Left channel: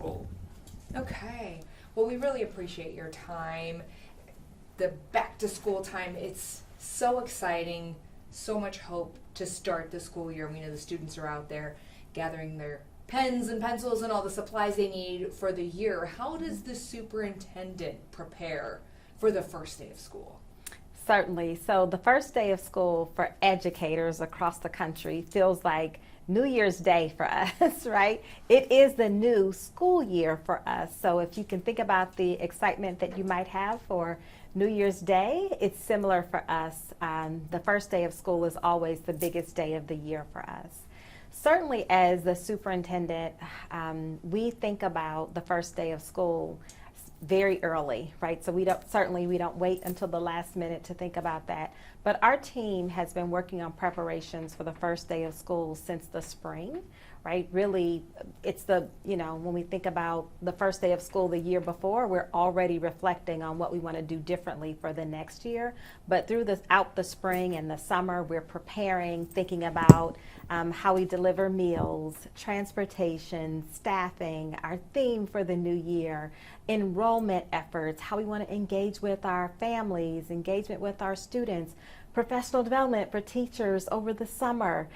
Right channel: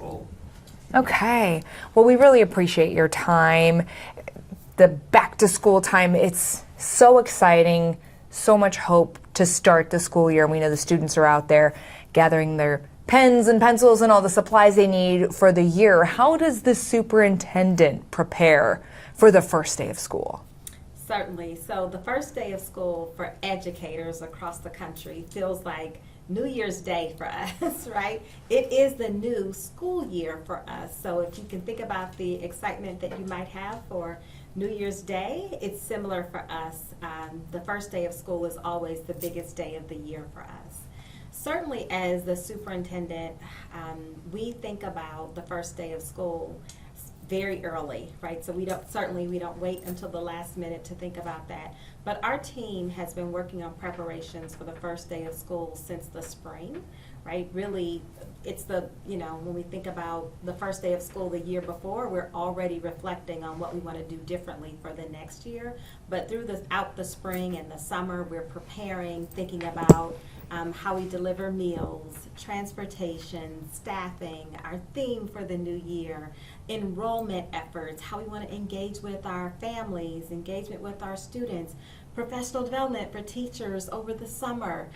control. Okay. Well, we really appreciate your time. The back to school time, it's so exciting, so much hope to start the school year. We know the students are out there gathering their pens and pencils and all the supplies they need for the year. How does the superintendent prepare for the first day of school? Certainly. So the first day of school for educators across the country feels like New Year's Day for us, right? It is the new school year for us. So if you can think about the excitement that you might have for New Year's Day, it's similar for us. The first day of school is always the biggest day of the year for us. Certainly as the superintendent, we think about the first day of school very early, right? So we don't wait until the last minute to think about that. But our team has been working on preparations for the first day of school since the spring, right? Really, it's when we think about the first day of school the year before, we're already reflecting on what we want to do differently for the next year. But throughout the spring and the summer, we're preparing, thinking about how we deliver meals, transportation, staffing, our theme for the new year, enrollment efforts, how we want to engage with our families, engagement with our students, professional development for teachers over the summer.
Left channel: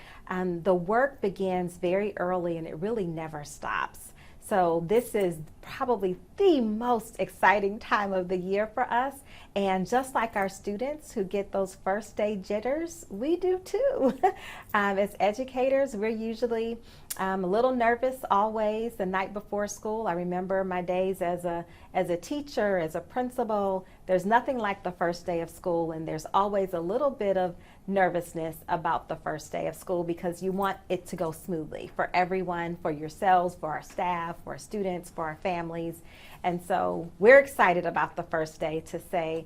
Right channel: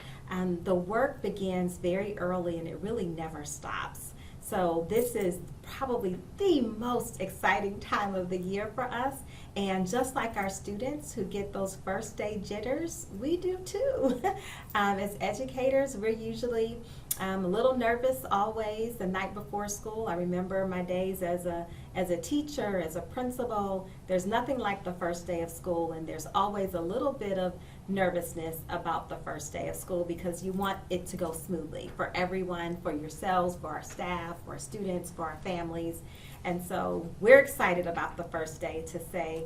The work begins very early and it really never stops. So this is probably the most exciting time of the year for us. And just like our students who get those first day jitters, we do too. As educators, we're usually a little nervous always the night before school. I remember my days as a teacher, as a principal. There's nothing like the first day of school, and there's always a little bit of nervousness about the first day of school because you want it to go smoothly for everyone, for yourselves, for our staff, for our students, for our families. And so we're excited about the first day to say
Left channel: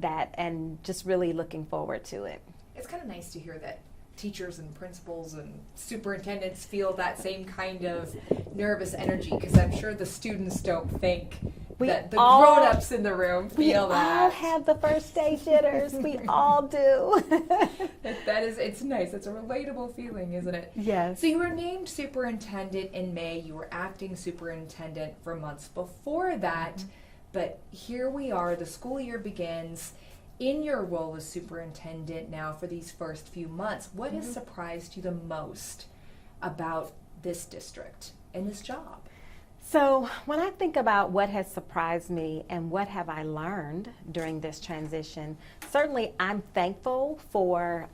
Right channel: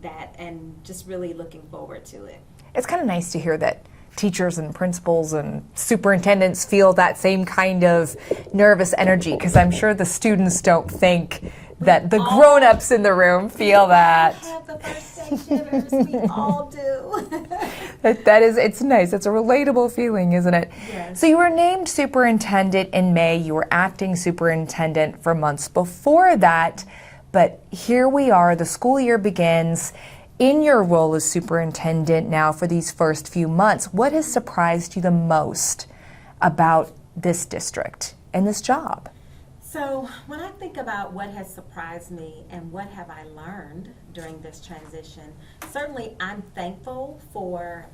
that and just really looking forward to it. It's kind of nice to hear that teachers and principals and superintendents feel that same kind of nervous energy, because I'm sure the students don't think that the grown-ups in the room feel that. We all have the first day jitters. We all do. It's nice. It's a relatable feeling, isn't it? Yes. So you were named superintendent in May. You were acting superintendent for months before that. But here we are. The school year begins. In your role as superintendent now for these first few months, what has surprised you the most about this district and this job? So when I think about what has surprised me and what have I learned during this transition, certainly I'm thankful for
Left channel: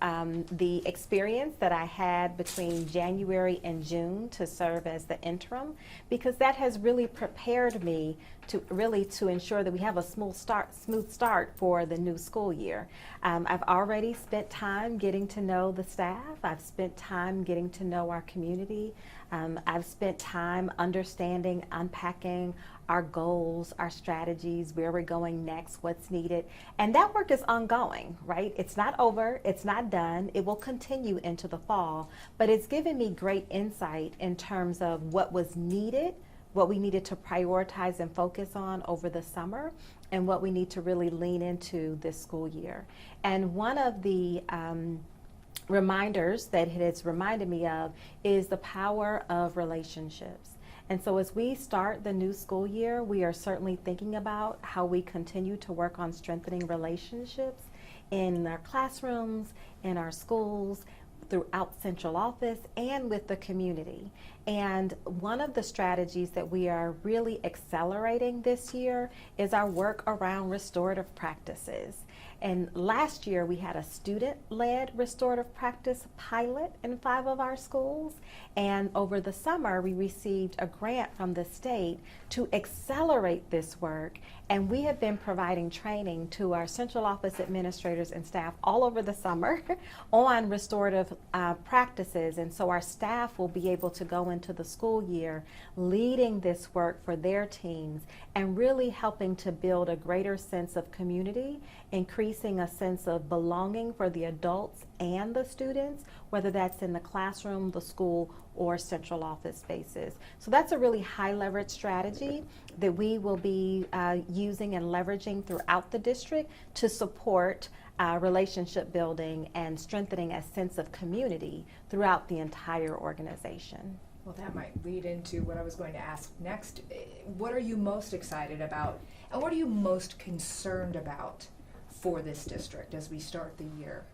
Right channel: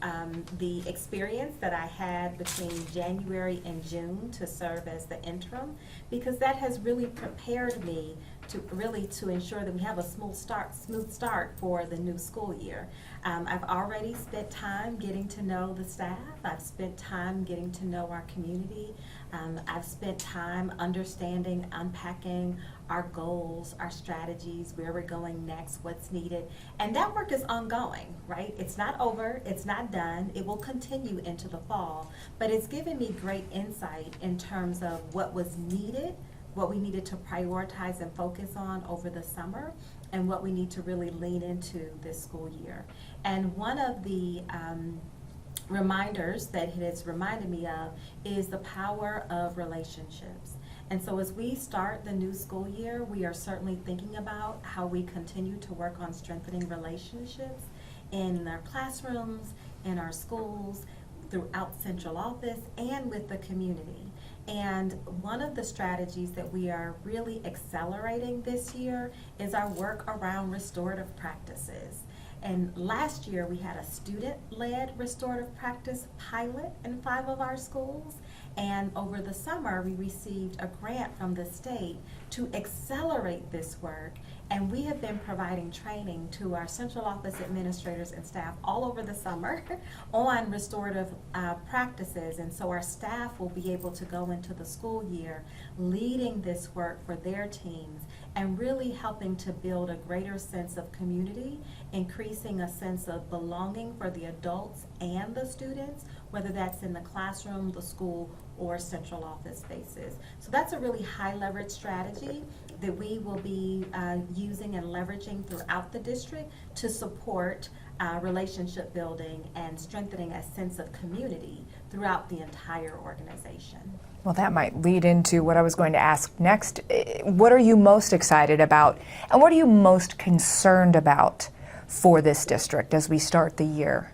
the experience that I had between January and June to serve as the interim, because that has really prepared me to ensure that we have a smooth start for the new school year. I've already spent time getting to know the staff. I've spent time getting to know our community. I've spent time understanding, unpacking our goals, our strategies, where we're going next, what's needed. And that work is ongoing, right? It's not over, it's not done. It will continue into the fall, but it's given me great insight in terms of what was needed, what we needed to prioritize and focus on over the summer, and what we need to really lean into this school year. And one of the reminders that it has reminded me of is the power of relationships. And so as we start the new school year, we are certainly thinking about how we continue to work on strengthening relationships in our classrooms, in our schools, throughout central office, and with the community. And one of the strategies that we are really accelerating this year is our work around restorative practices. And last year we had a student-led restorative practice pilot in 5 of our schools. And over the summer we received a grant from the state to accelerate this work. And we have been providing training to our central office administrators and staff all over the summer on restorative practices. And so our staff will be able to go into the school year leading this work for their teams and really helping to build a greater sense of community, increasing a sense of belonging for the adults and the students, whether that's in the classroom, the school, or central office spaces. So that's a really high leverage strategy that we will be using and leveraging throughout the district to support relationship building and strengthening a sense of community throughout the entire organization. Well, that might lead into what I was going to ask next. What are you most excited about, and what are you most concerned about for this district as we start the year?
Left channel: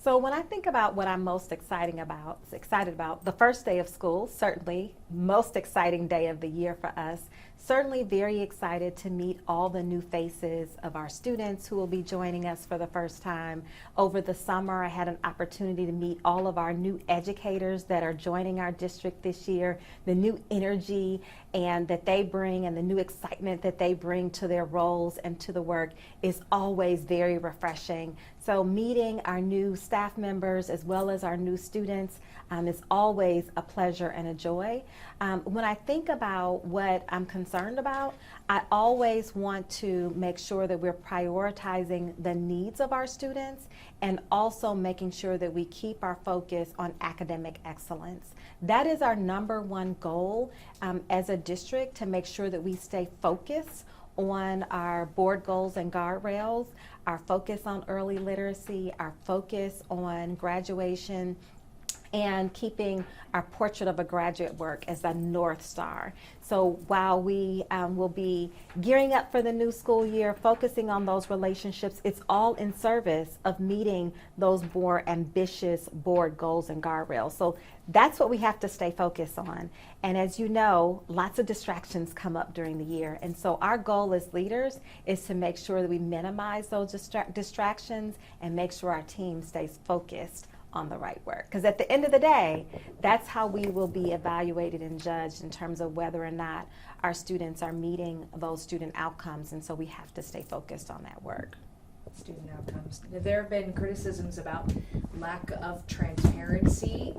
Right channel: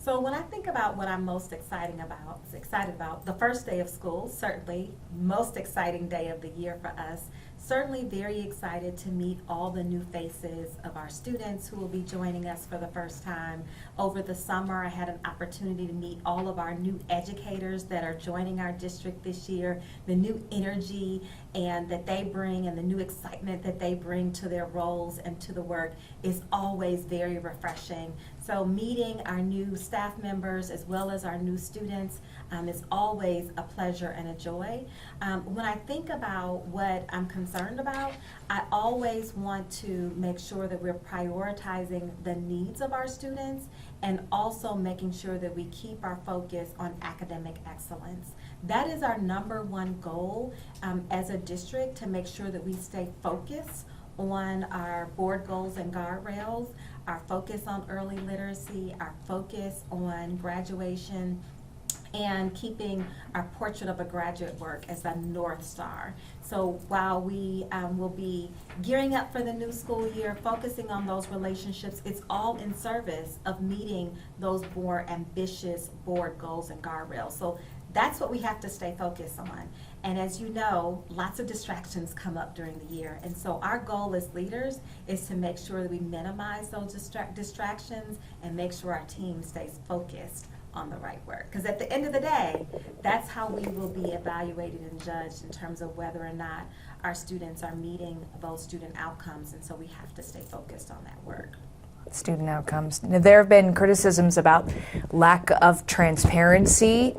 So when I think about what I'm most excited about, the first day of school, certainly most exciting day of the year for us. Certainly very excited to meet all the new faces of our students who will be joining us for the first time. Over the summer, I had an opportunity to meet all of our new educators that are joining our district this year. The new energy and that they bring and the new excitement that they bring to their roles and to the work is always very refreshing. So meeting our new staff members as well as our new students is always a pleasure and a joy. When I think about what I'm concerned about, I always want to make sure that we're prioritizing the needs of our students and also making sure that we keep our focus on academic excellence. That is our number one goal as a district, to make sure that we stay focused on our board goals and guardrails, our focus on early literacy, our focus on graduation, and keeping our portrait of a graduate work as the North Star. So while we will be gearing up for the new school year, focusing on those relationships, it's all in service of meeting those more ambitious board goals and guardrails. So that's what we have to stay focused on. And as you know, lots of distractions come up during the year. And so our goal as leaders is to make sure that we minimize those distractions and make sure our team stays focused on the right work. Because at the end of the day, that's how we will be evaluated and judged in terms of whether or not our students are meeting those student outcomes. And so we have to stay focused on that work. Student outcomes. Now, there have been criticisms about lack of transparency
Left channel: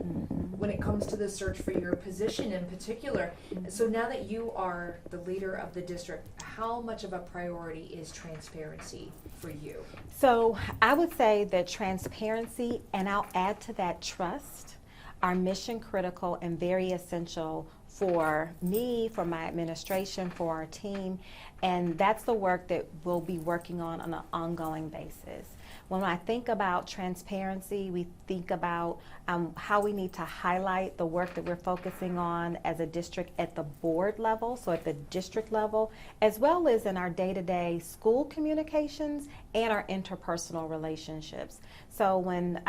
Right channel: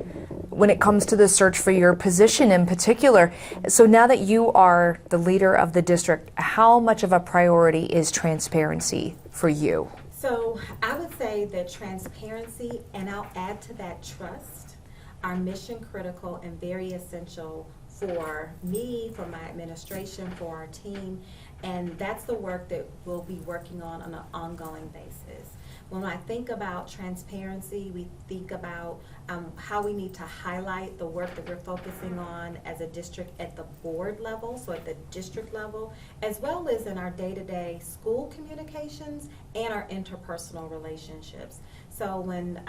when it comes to the search for your position in particular. So now that you are the leader of the district, how much of a priority is transparency for you? So I would say that transparency, and I'll add to that trust, are mission critical and very essential for me, for my administration, for our team, and that's the work that we'll be working on an ongoing basis. When I think about transparency, we think about how we need to highlight the work that we're focusing on as a district at the board level, so at the district level, as well as in our day-to-day school communications and our interpersonal relationships. So when,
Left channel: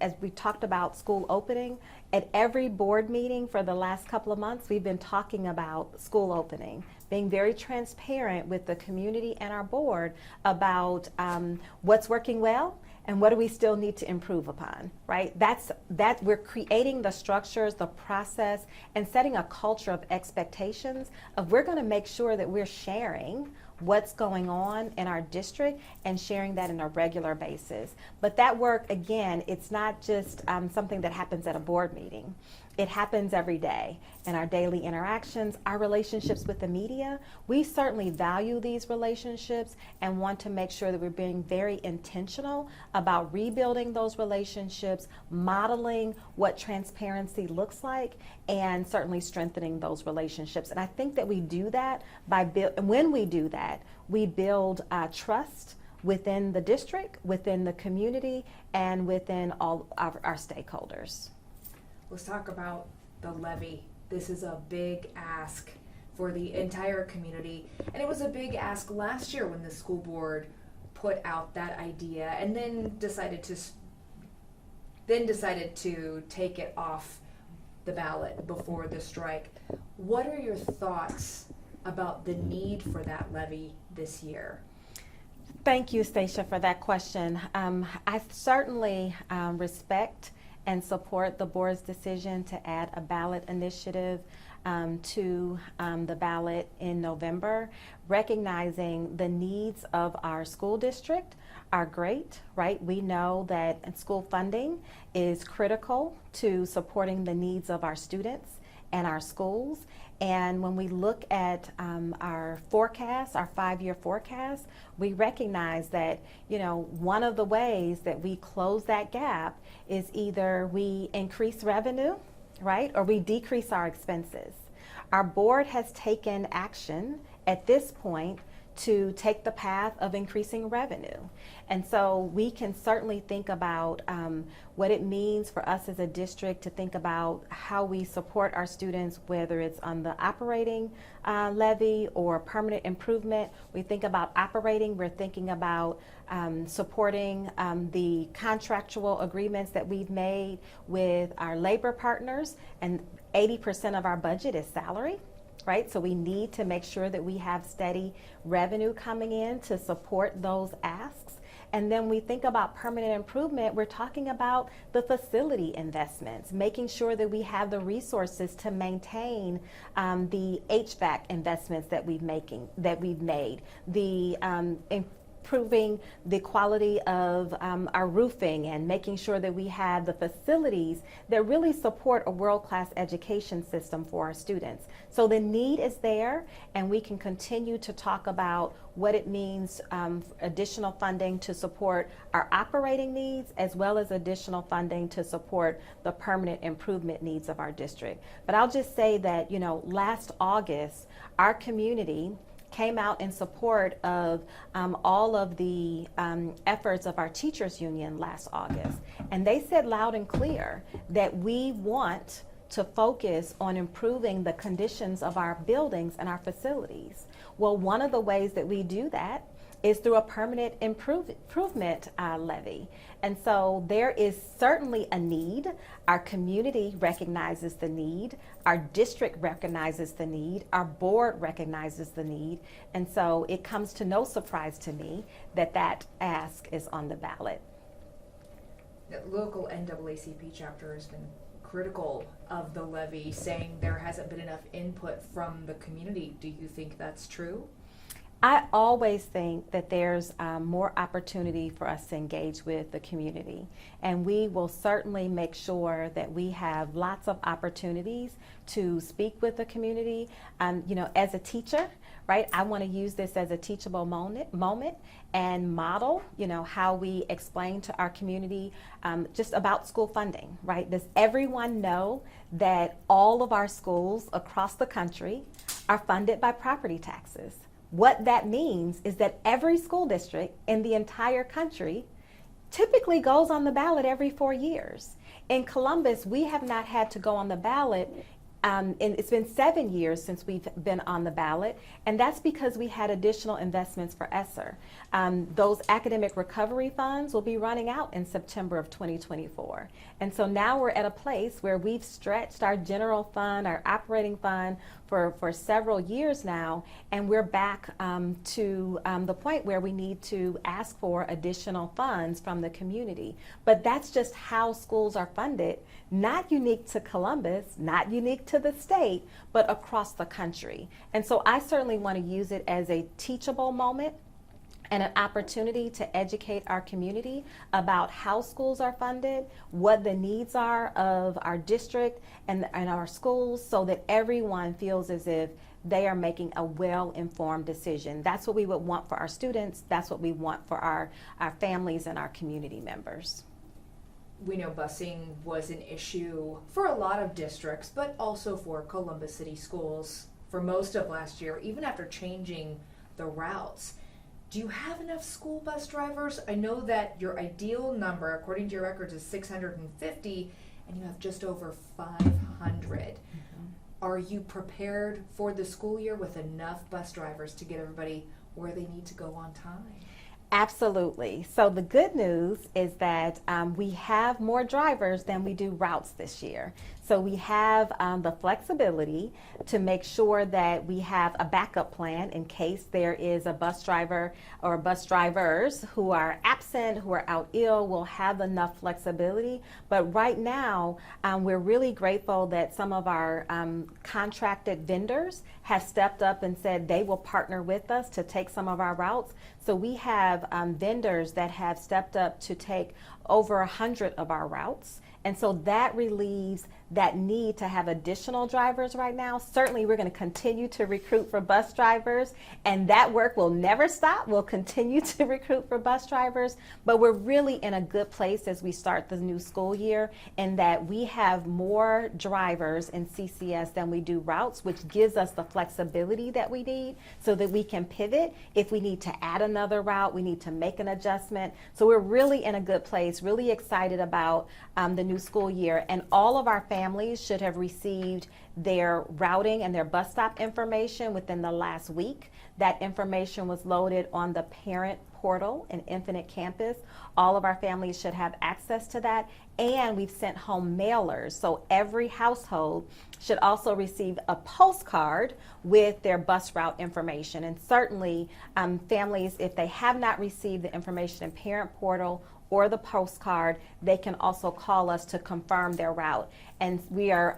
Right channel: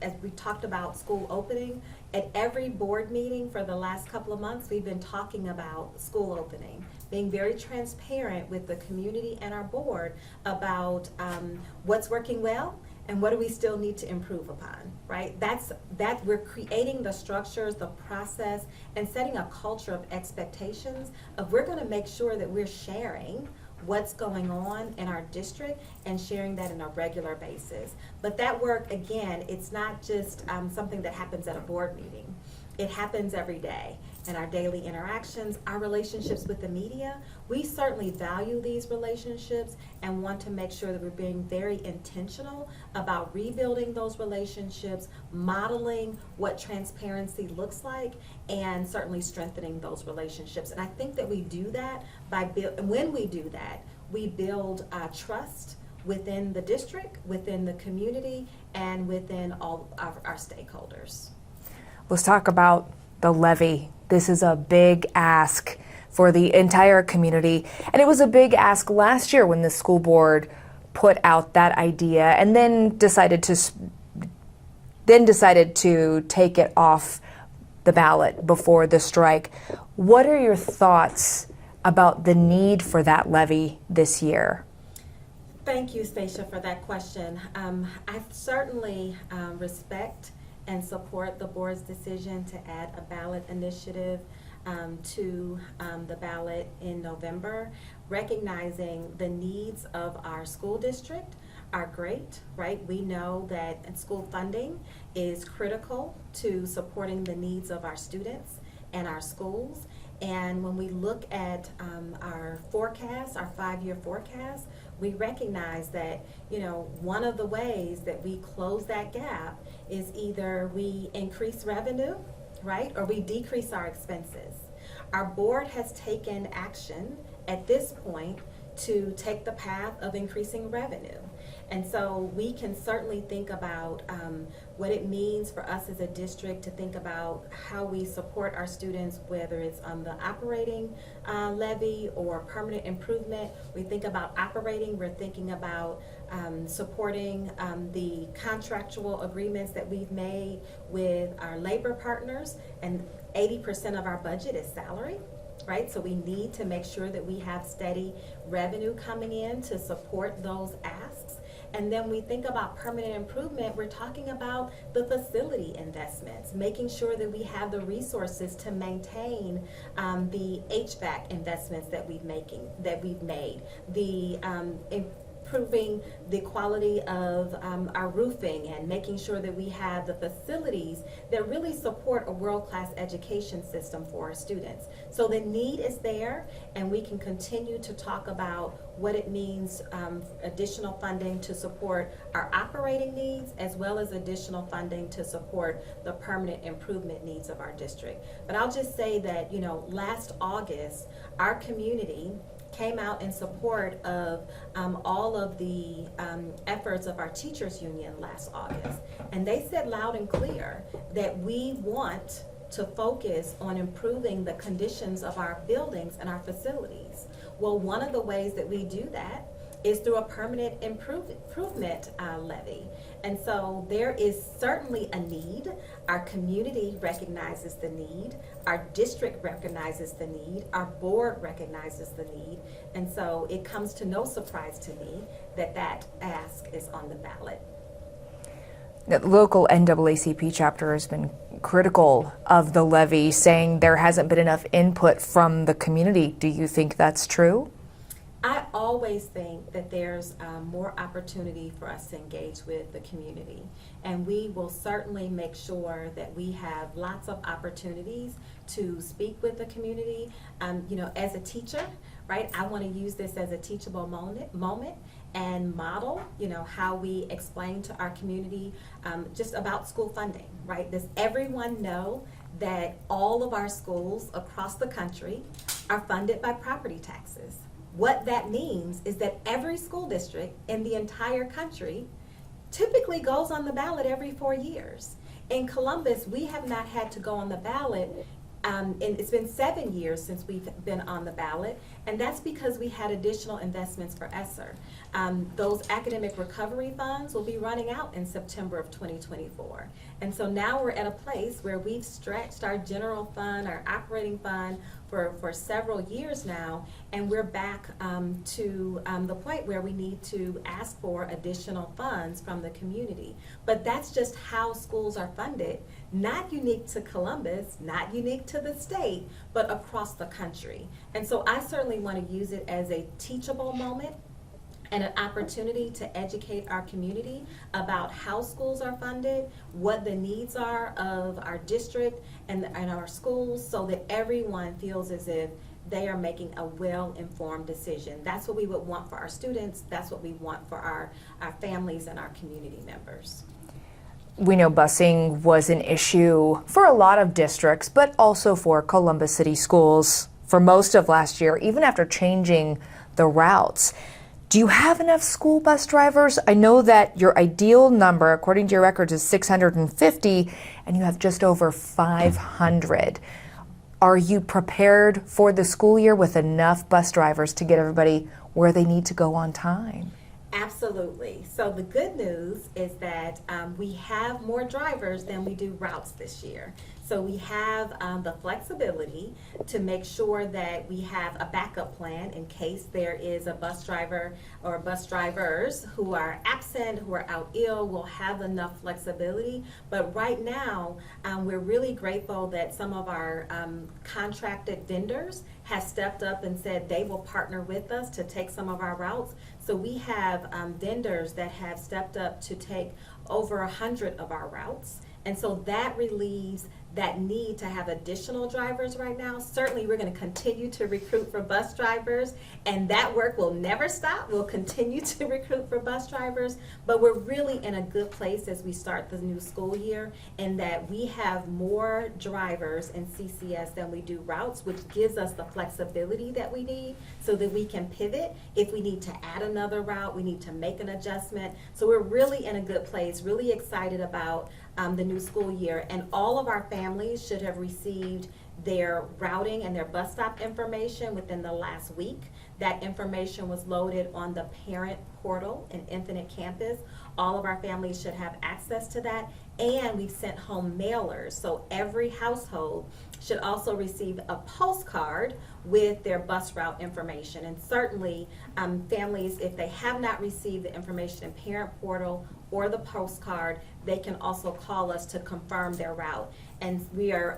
as we talked about school opening, at every board meeting for the last couple of months, we've been talking about school opening, being very transparent with the community and our board about what's working well and what do we still need to improve upon, right? That we're creating the structures, the process, and setting a culture of expectations of we're going to make sure that we're sharing what's going on in our district and sharing that on a regular basis. But that work, again, it's not just something that happens at a board meeting. It happens every day in our daily interactions, our relationships with the media. We certainly value these relationships and want to make sure that we're being very intentional about rebuilding those relationships, modeling what transparency looks like, and certainly strengthening those relationships. And I think that we do that when we do that, we build trust within the district, within the community, and within all of our stakeholders. Let's talk about the levy. This is a big ask for the entire community, and it was a big ask last year when the school board put out that idea and then decided to take it off the ballot before the strike. What are your thoughts about the need for that levy this year? Thank you, Stacia, for that question. I certainly respect and support the board's decision to add a ballot initiative to the ballot in November, recognizing the needs of our school district are great, right? We know that school funding is critical to supporting the needs of our students and our schools. And when we look at our forecast, our 5-year forecast, we recognize that, one of the ways that we close that gap is either we increase revenue, right, or we decrease our expenses. Our board has taken action at this point to take the path of increasing revenue. And so we can certainly think about what it means for us as a district to think about how we support our students, whether it's on the operating levy or permanent improvement. We think about operating, we're thinking about supporting the contractual agreements that we've made with our labor partners, and 80% of our budget is salary. Right, so we need to make sure that we have steady revenue coming in to support those asks. And then we think about permanent improvement, we're talking about the facility investments, making sure that we have the resources to maintain the HVAC investments that we've made, the improving the quality of our roofing, and making sure that we have the facilities that really support a world-class education system for our students. So the need is there, and we can continue to talk about what it means, additional funding to support our operating needs, as well as additional funding to support the permanent improvement needs of our district. But I'll just say that, you know, last August, our community came out in support of all of the efforts of our teachers union last August. And they said loud and clear that we want to focus on improving the conditions of our buildings and our facilities. Well, one of the ways that we do that is through a permanent improvement levy. And so there is certainly a need. Our community recognizes the need. Our district recognizes the need. Our board recognizes the need. And so it comes to no surprise to me that that ask is on the ballot. The local NAACP chapter has been critical of the levy, saying there hasn't been enough input from the community. Do you think that's true? I always think that there's more opportunity for us to engage with the community, and we will certainly make sure that we have lots of opportunities to speak with the community. You know, as a teacher, right, I want to use this as a teachable moment and model, you know, how we explain to our community just about school funding, right? Does everyone know that all of our schools across the country are funded by property taxes? What that means is that every school district in the entire country typically goes on the ballot every 4 years. In Columbus, we have not had to go on the ballot. And it's been 7 years since we've been on the ballot, and that's because we had additional investments for ESSER. Those academic recovery funds will be running out in September of 2024. And so now we're at a place where we've stretched our general fund, our operating fund, for several years now, and we're back to the point where we need to ask for additional funds from the community. But that's just how schools are funded, not unique to Columbus, not unique to the state, but across the country. And so I certainly want to use it as a teachable moment and an opportunity to educate our community about how schools are funded, what the needs are of our district and our schools, so that everyone feels as if they are making a well-informed decision. That's what we would want for our students. That's what we want for our families and our community members. We know busing was an issue for a lot of districts, but also for Columbus City Schools for most of last year, even after changing the routes. Do you have enough school bus drivers? I know that your ideal number, according to your records, is 650, and you have just over 500. Are you prepared for the school year with enough bus drivers to get everybody where they need to go on time? Absolutely. So the good news is that we have more drivers than we do routes this year. So we have the flexibility to make sure that we have a backup plan in case there is a bus driver or bus drivers who are absent, who are out ill. We'll have enough flexibility. But right now, we're really grateful that some of our contracted vendors have stepped up and said they will partner with us to take some of our routes. So we have vendors that have stepped up to take over 100 of our routes. And so that relieves that need to have additional drivers right now. Certainly, we're going to continue to recruit for bus drivers, and that work will never stop. We'll continue to recruit for bus drivers, but we're really in a good place as we start the new school year in that we have more drivers in CCS than we do routes, which gives us the flexibility that we need so that we can pivot. If we need to add another route, we need to make an adjustment. So we're really in a good place, really excited about the new school year, and all of our families should have received their routing and their bus stop information within the last week. That information was loaded on the parent portal in Infinite Campus. All of our families should have access to that, and we've sent home mailers. So every household should also receive a postcard with their bus route information. And certainly families, if they have not received the information in parent portal or the postcard, they can also call us to confirm their route. And we are,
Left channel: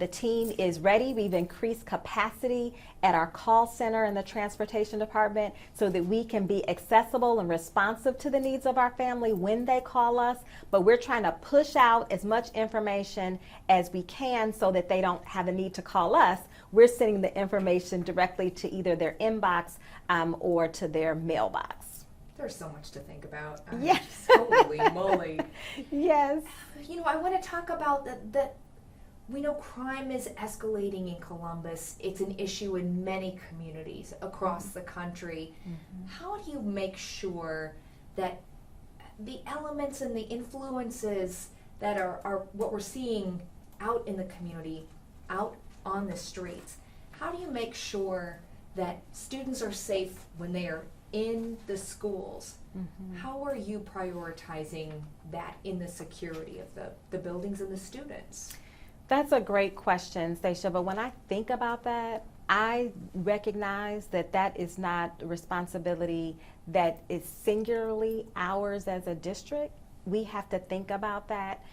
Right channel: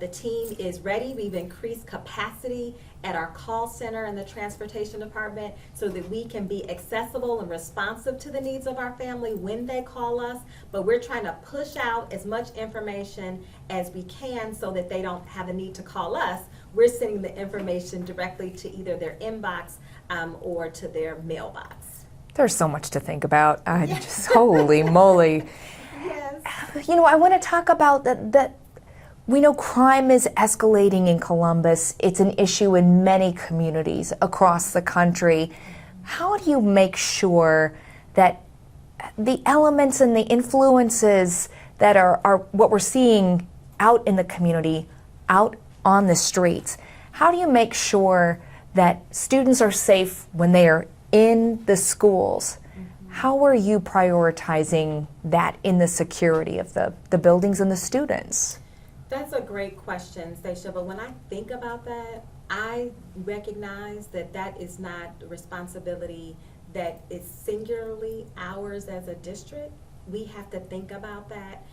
the team is ready. We've increased capacity at our call center in the transportation department so that we can be accessible and responsive to the needs of our family when they call us. But we're trying to push out as much information as we can so that they don't have a need to call us. We're sending the information directly to either their inbox or to their mailbox. There's so much to think about. Just holy moly. Yes. You know, I want to talk about that. We know crime is escalating in Columbus. It's an issue in many communities across the country. How do you make sure that the elements and the influences that are what we're seeing out in the community, out on the streets, how do you make sure that students are safe when they are in the schools? How are you prioritizing that in the security of the buildings and the students? That's a great question, Stacia, but when I think about that, I recognize that that is not a responsibility that is singularly ours as a district. We have to think about that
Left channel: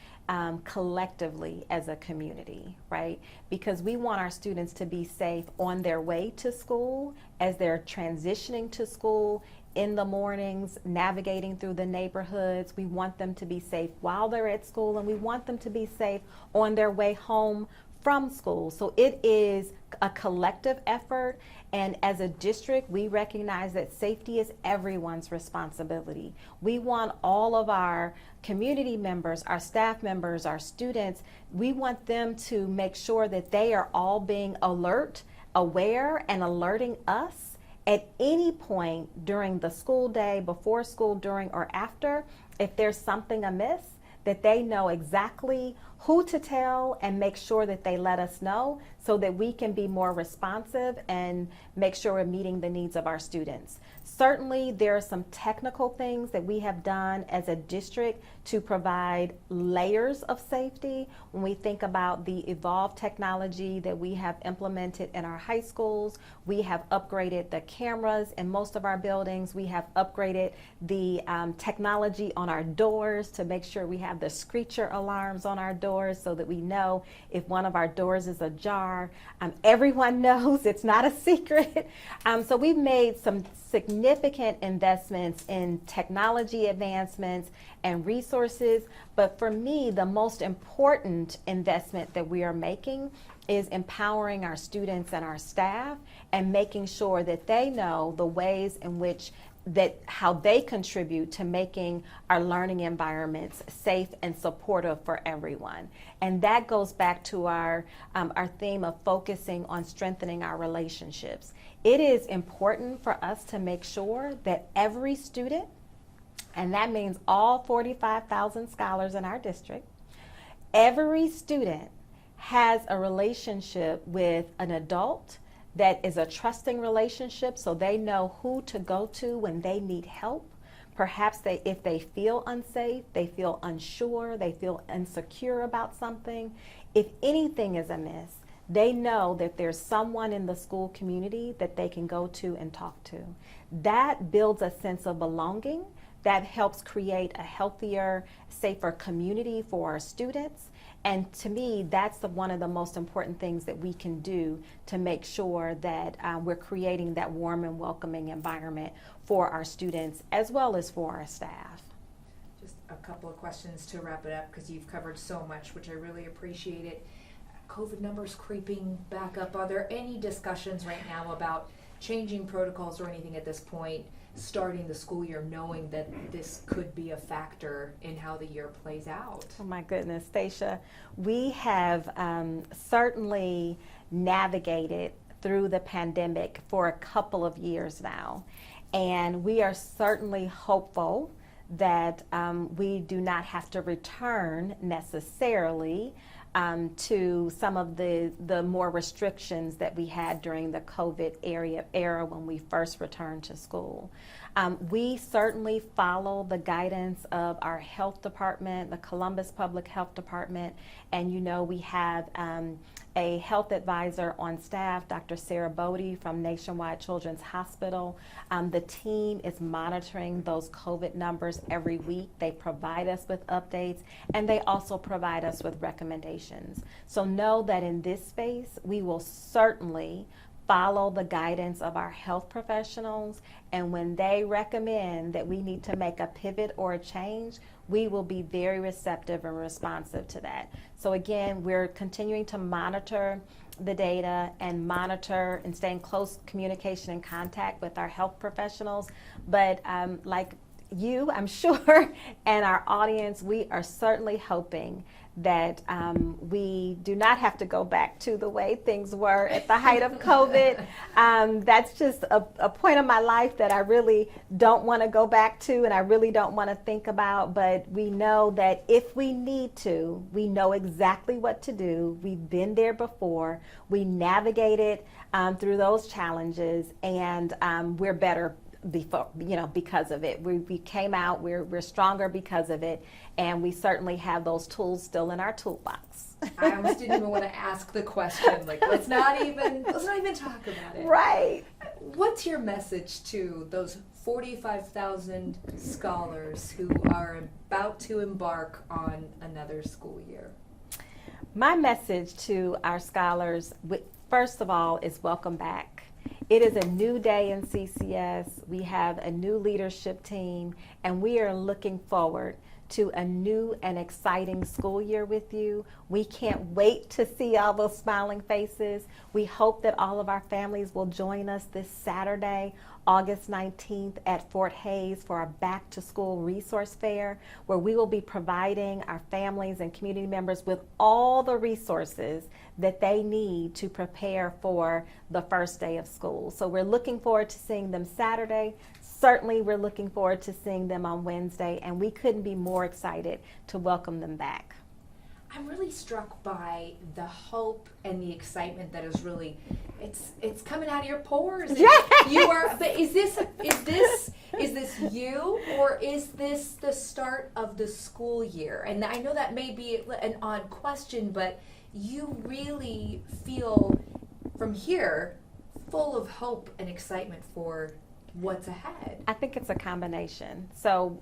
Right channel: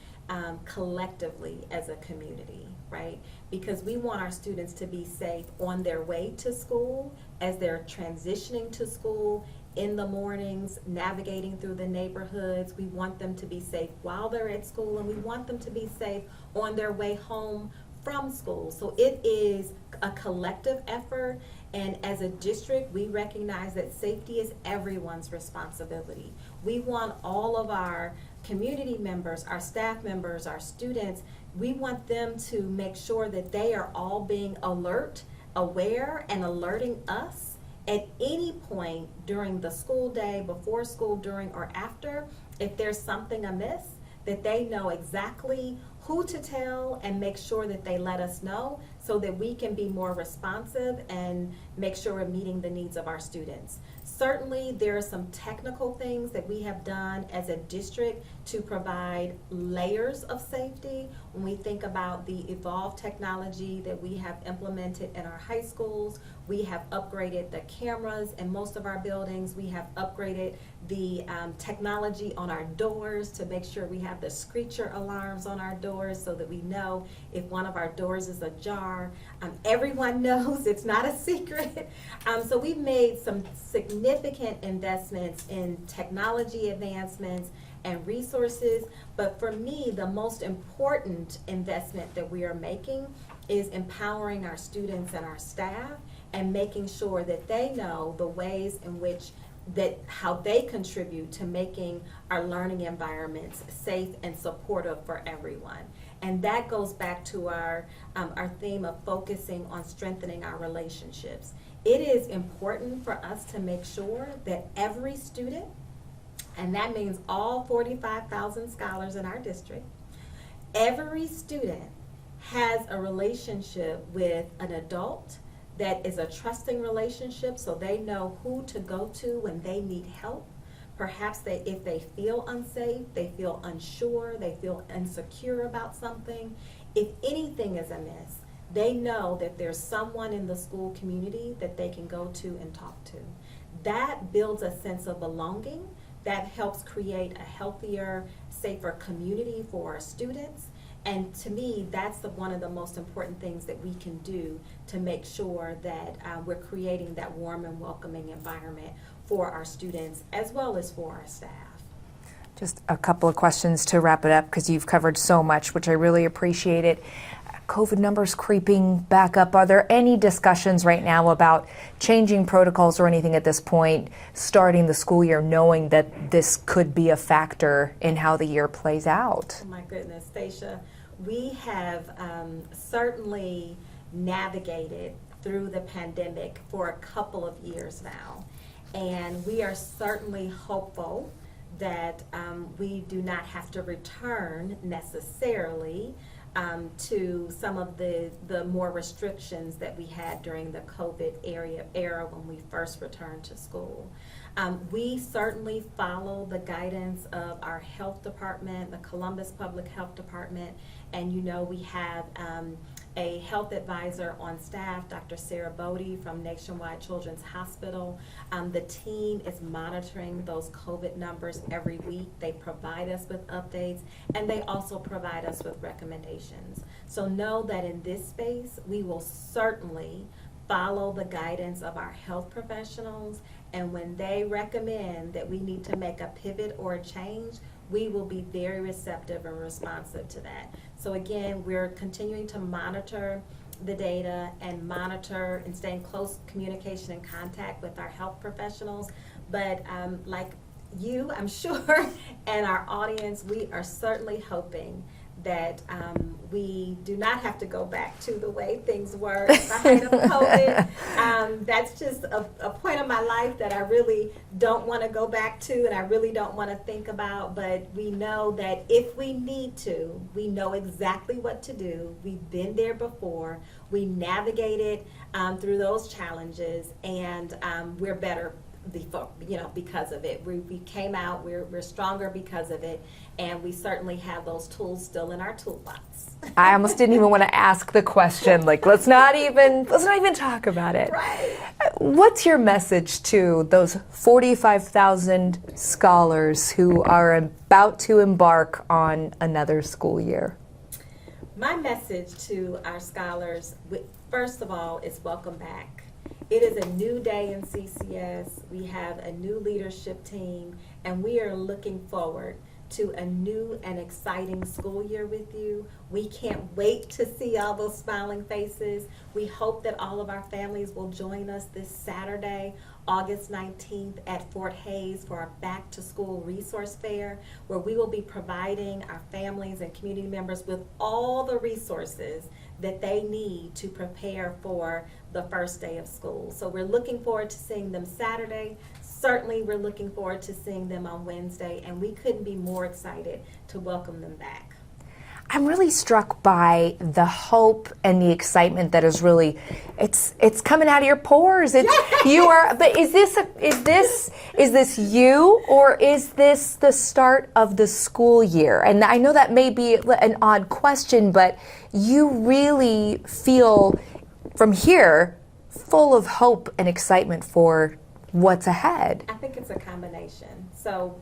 collectively as a community, right? Because we want our students to be safe on their way to school, as they're transitioning to school, in the mornings, navigating through the neighborhoods. We want them to be safe while they're at school, and we want them to be safe on their way home from school. So it is a collective effort, and as a district, we recognize that safety is everyone's responsibility. We want all of our community members, our staff members, our students, we want them to make sure that they are all being alert, aware, and alerting us at any point during the school day, before school, during, or after, if there's something amiss, that they know exactly who to tell and make sure that they let us know so that we can be more responsive and make sure we're meeting the needs of our students. Certainly, there are some technical things that we have done as a district to provide layers of safety. When we think about the evolved technology that we have implemented in our high schools, we have upgraded the cameras in most of our buildings. We have upgraded the technology on our doors to make sure we have the screecher alarms on our doors so that we know if one of our doors is ajar. Everyone knows, it's not a secret. So we've made some significant investments in technology advancements and resources, but for me, the most important investment that we are making is empowering our students and our staff and making sure that they know the ways in which how they contribute to making our learning environments safe and supportive for everyone. And that goes back to our theme of focusing on strengthening our relationships. It is important for us to make sure that every student, and that means all 45,000 scholars in our district, every student has a relationship with an adult that is a trusting relationship, so they know who to go to when they need help. Perhaps if they feel unsafe, they feel unsure, they feel insecure about something. If anything is amiss, they know that there's someone in the school community that they can go to and talk to. That builds a sense of belonging. That helps create a healthier, safer community for our students. And to me, that's one of the most important things that we can do to make sure that we're creating that warm and welcoming environment for our students as well as for our staff. Just a couple of questions to wrap it up, because you've covered so much, which I really appreciate it. COVID numbers creeping back up. Are there any discussions right now about changing protocols or anything at this point, starting the school year, knowing that this could be a factor in how the year plays out? Oh my goodness, Stacia, we have certainly navigated through the pandemic for a couple of years now, and we are certainly hopeful that we do not have to return necessarily to some of the more restrictions that we had during the COVID era when we first returned to school. We certainly follow the guidance of our health department, the Columbus Public Health Department, and you know we have a health advisor on staff, Dr. Sarah Bodie from Nationwide Children's Hospital. The team is monitoring those COVID numbers every week. They provide us with updates, and they also provide us with recommendations. So know that in this space, we will certainly follow the guidance of our health professionals, and when they recommend that we need to make a pivot or a change, we will be very receptive and responsive to that. So again, we're continuing to monitor the data and monitor and stay in close communication and contact with our health professionals. But like you, I'm sure, and our audience, we are certainly hoping that we do not have to go back to the way things were at the height of COVID. That's just a point of my life that I really don't want to go back to, and I really don't want to think about, but we know that if we need to, we know exactly what to do. We've been there before. We navigated through those challenges, and we're better before, because of it. We came out, we're stronger because of it, and we certainly have those tools still in our toolbox. I almost didn't even want to ask the question, like let's not even talk about it. Right. What's your message to those 45,000 scholars who are about to embark on another school year? My message to our scholars, first of all, is welcome back. It is a new day in CCS. We have a new leadership team, and we are looking forward to a new and exciting school year with you. We can't wait to see all those smiling faces. We hope that all of our families will join us this Saturday, August 19th at Fort Hays for our Back to School Resource Fair, where we will be providing our families and community members with all the resources that they need to prepare for the first day of school. So we're looking forward to seeing them Saturday. Certainly we're looking forward to seeing them on Wednesday, and we couldn't be more excited to welcome them back. I'm really struck by the hope and the excitement that is really, it's coming out of your pores. Yes! You are, but is this you, or is this the start of the school year? And I know that may be an odd question, but you really feel from here full of hope and excitement for what's ahead. I think it's a combination. So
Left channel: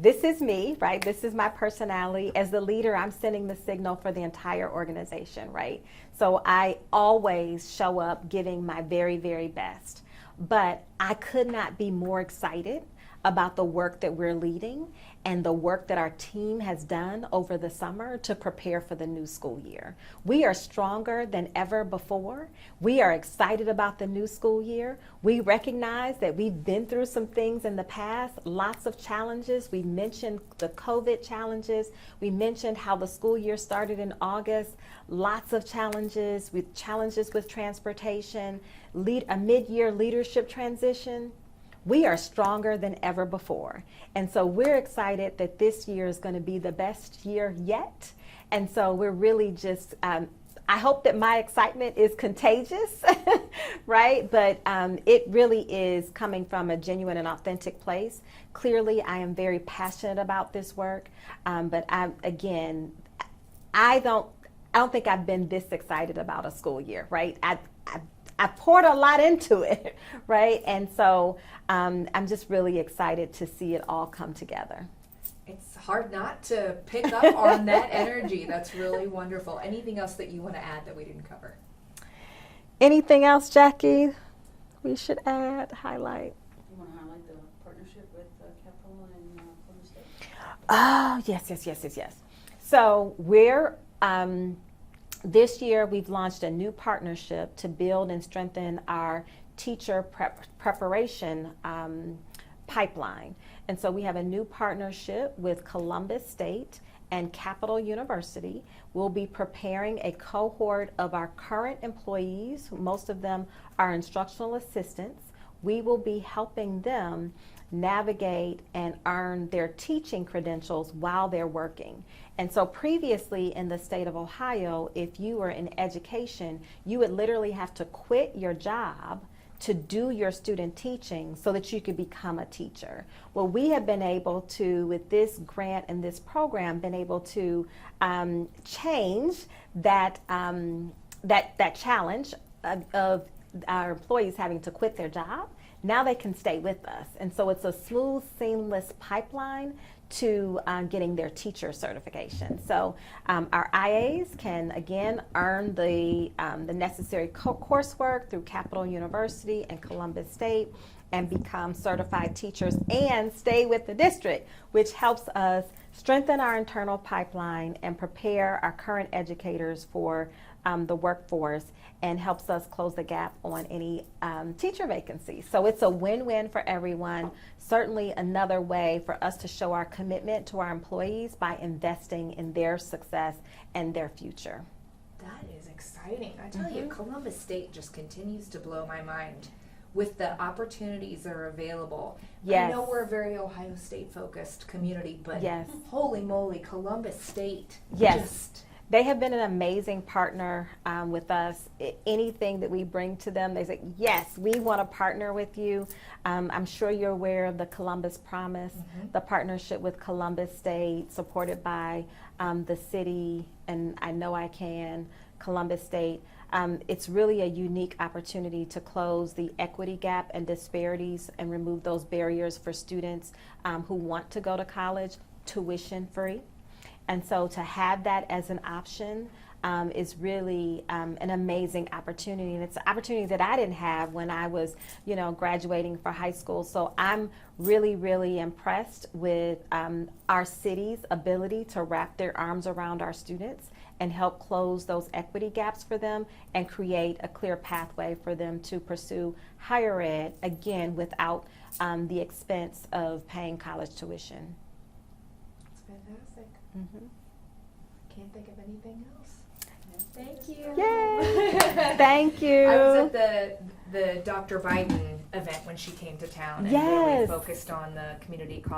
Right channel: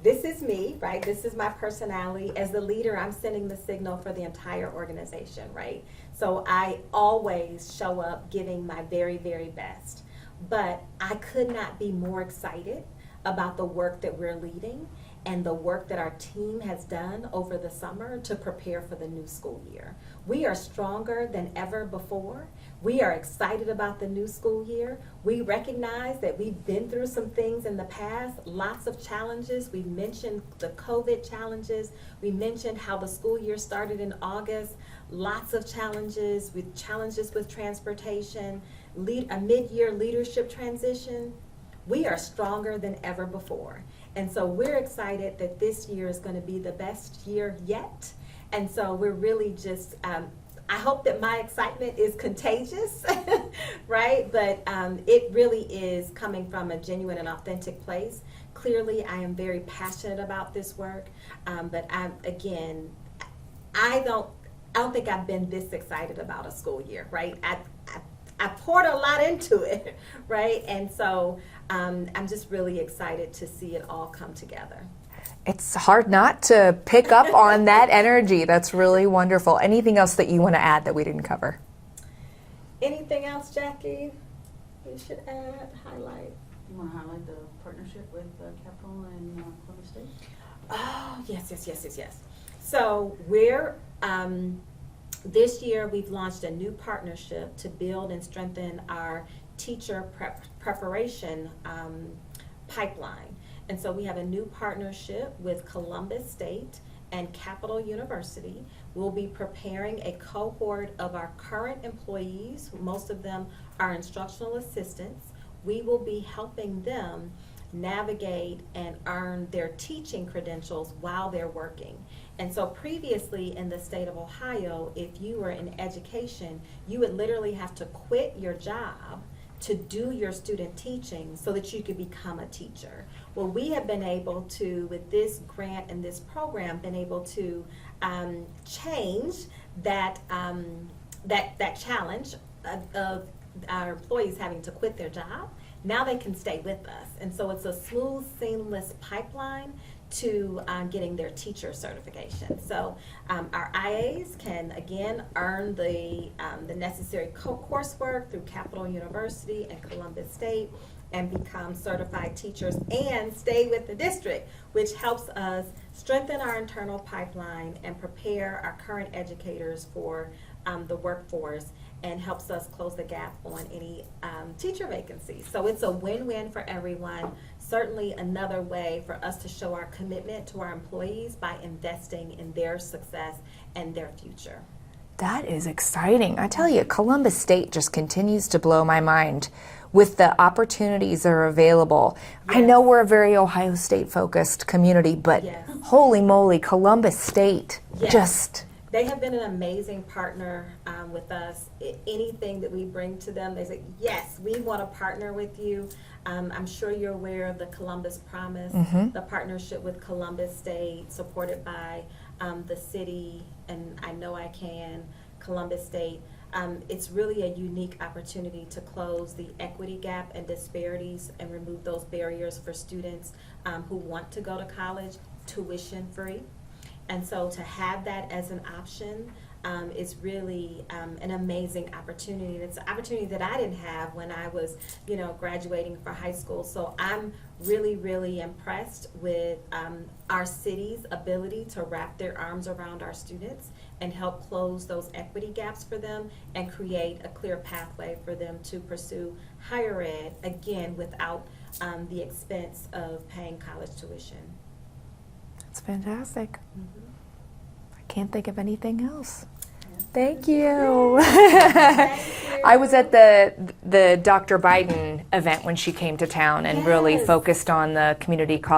this is me, right? This is my personality. As the leader, I'm sending the signal for the entire organization, right? So I always show up giving my very, very best. But I could not be more excited about the work that we're leading and the work that our team has done over the summer to prepare for the new school year. We are stronger than ever before. We are excited about the new school year. We recognize that we've been through some things in the past, lots of challenges. We mentioned the COVID challenges. We mentioned how the school year started in August. Lots of challenges with transportation, a mid-year leadership transition. We are stronger than ever before. And so we're excited that this year is going to be the best year yet. And so we're really just, I hope that my excitement is contagious, right? But it really is coming from a genuine and authentic place. Clearly, I am very passionate about this work. But I don't think I've been this excited about a school year, right? I poured a lot into it, right? And so I'm just really excited to see it all come together. It's hard not to pick up on that energy. That's really wonderful. Anything else that you want to add that we didn't cover? Anything else, Jackie, we should highlight? You want to highlight the partnership with Capitol and Columbus State? Oh, yes. So we're, this year we've launched a new partnership to build and strengthen our teacher preparation pipeline. And so we have a new partnership with Columbus State and Capital University. We'll be preparing a cohort of our current employees, most of them are instructional assistants. We will be helping them navigate and earn their teaching credentials while they're working. And so previously in the state of Ohio, if you were in education, you would literally have to quit your job to do your student teaching so that you could become a teacher. Well, we have been able to, with this grant and this program, been able to change that, that challenge of our employees having to quit their job. Now they can stay with us. And so it's a smooth, seamless pipeline to getting their teacher certification. So our IAs can again earn the necessary coursework through Capital University and Columbus State and become certified teachers and stay with the district, which helps us strengthen our internal pipeline and prepare our current educators for the workforce, and helps us close the gap on any teacher vacancies. So it's a win-win for everyone. Certainly another way for us to show our commitment to our employees by investing in their success and their future. That is exciting. I tell you, Columbus State just continues to blow my mind with the opportunities that are available. Yes. I know we're a very Ohio State focused community, but Yes. holy moly, Columbus State Yes. just... They have been an amazing partner with us. Anything that we bring to them, they say, yes, we want to partner with you. I'm sure you're aware of the Columbus Promise, the partnership with Columbus State, supported by the city, and I Know I Can, Columbus State. It's really a unique opportunity to close the equity gap and disparities and remove those barriers for students who want to go to college tuition free. And so to have that as an option is really an amazing opportunity. And it's an opportunity that I didn't have when I was, graduating for high school. So I'm really, really impressed with our city's ability to wrap their arms around our students and help close those equity gaps for them and create a clear pathway for them to pursue higher ed, again, without the expense of paying college tuition. It's fantastic. Mm-hmm. I can't think of anything else. Thank you. Thank you. I was at the Dr. Biden event when she came to town and really Yes. focused on the community college